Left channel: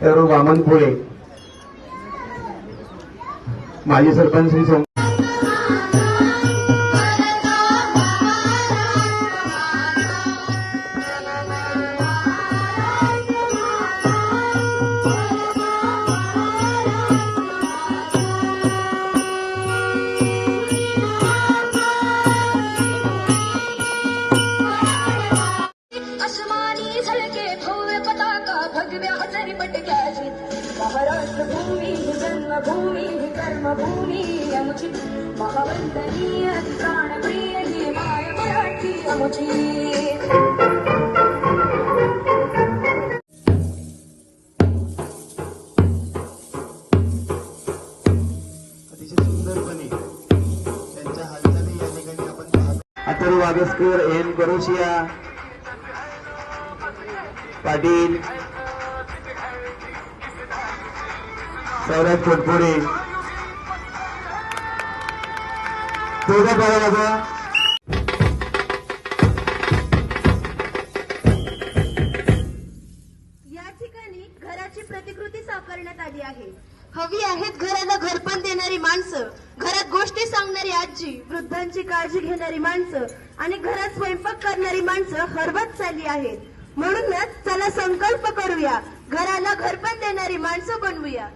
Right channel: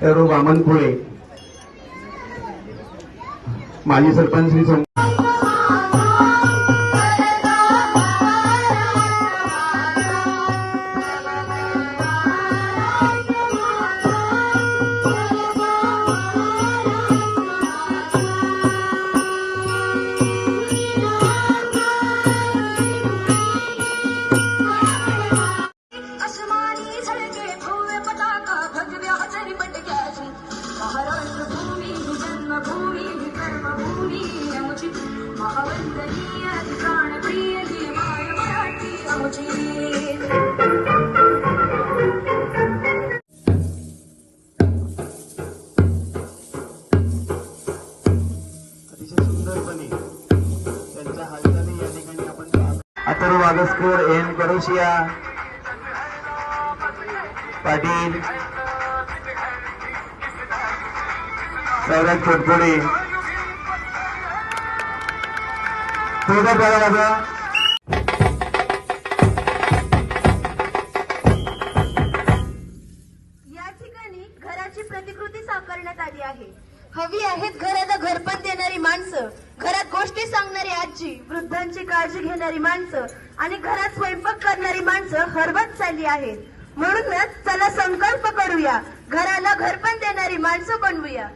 बामनपुरे, माजी सरपंच श्री महाराष्ट्र भूमी जन्मभूमी कर्मभूमी अमुची महावंदनीय प्राणप्रिय ही माय मराठी अमुची। अथर्व वागस्कर, एन करोशिया पाटील, सौरभ खोटपुणे, थोडं करा बाबा। या ठिकाणी घराची प्रतिकृती साकारण्यात आली आहे। हवी आहेत घराला घरपण देणारी माणसं, घरात गोष्टी सांगणारी आजी, वृद्धांची काळजी घेणारी माणसं आणि घरात स्वयंपाक करणारी माणसं हरवत चालली आहेत। म्हणूनच चला संकल्प करूया, घराला घरपण देणारी माणसं बनवूया।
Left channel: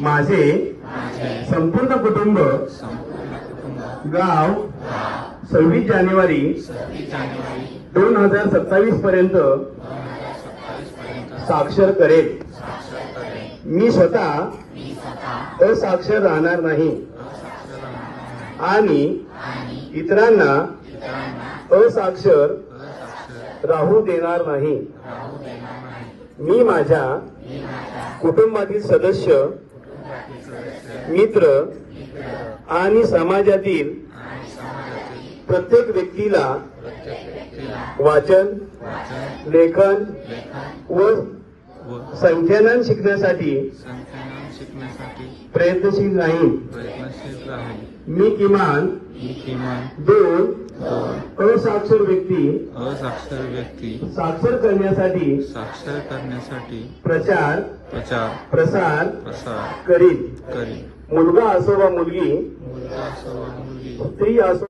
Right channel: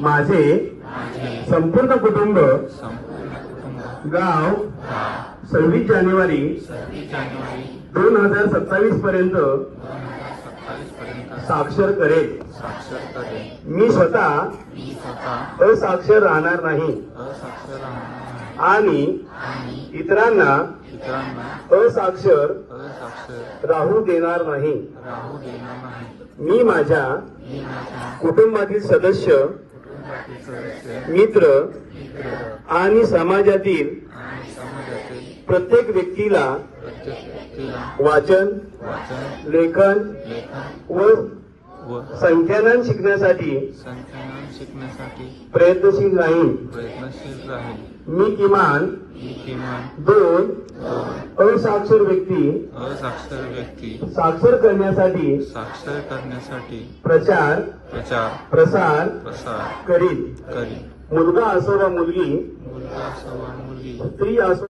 माझे संपूर्ण कुटुंब गाव 26 जानेवारी 2027 पर्यंत साक्षर करेल। मी स्वतः असाक्षर राहणार नाही आणि इतरांना असाक्षर राहू देणार नाही। मी माझ्या कुटुंबातील सदस्य, मित्र आणि समाजातील प्रत्येक व्यक्तीला वाचन, लेखन व संख्यानान शिकण्यासाठी प्रयत्नशील राहील। मी किमान 2 असाक्षर व्यक्ती साक्षर करण्यासाठी प्रचार प्रसार करील। मुलगा असो वा मुलगी, स्त्री असो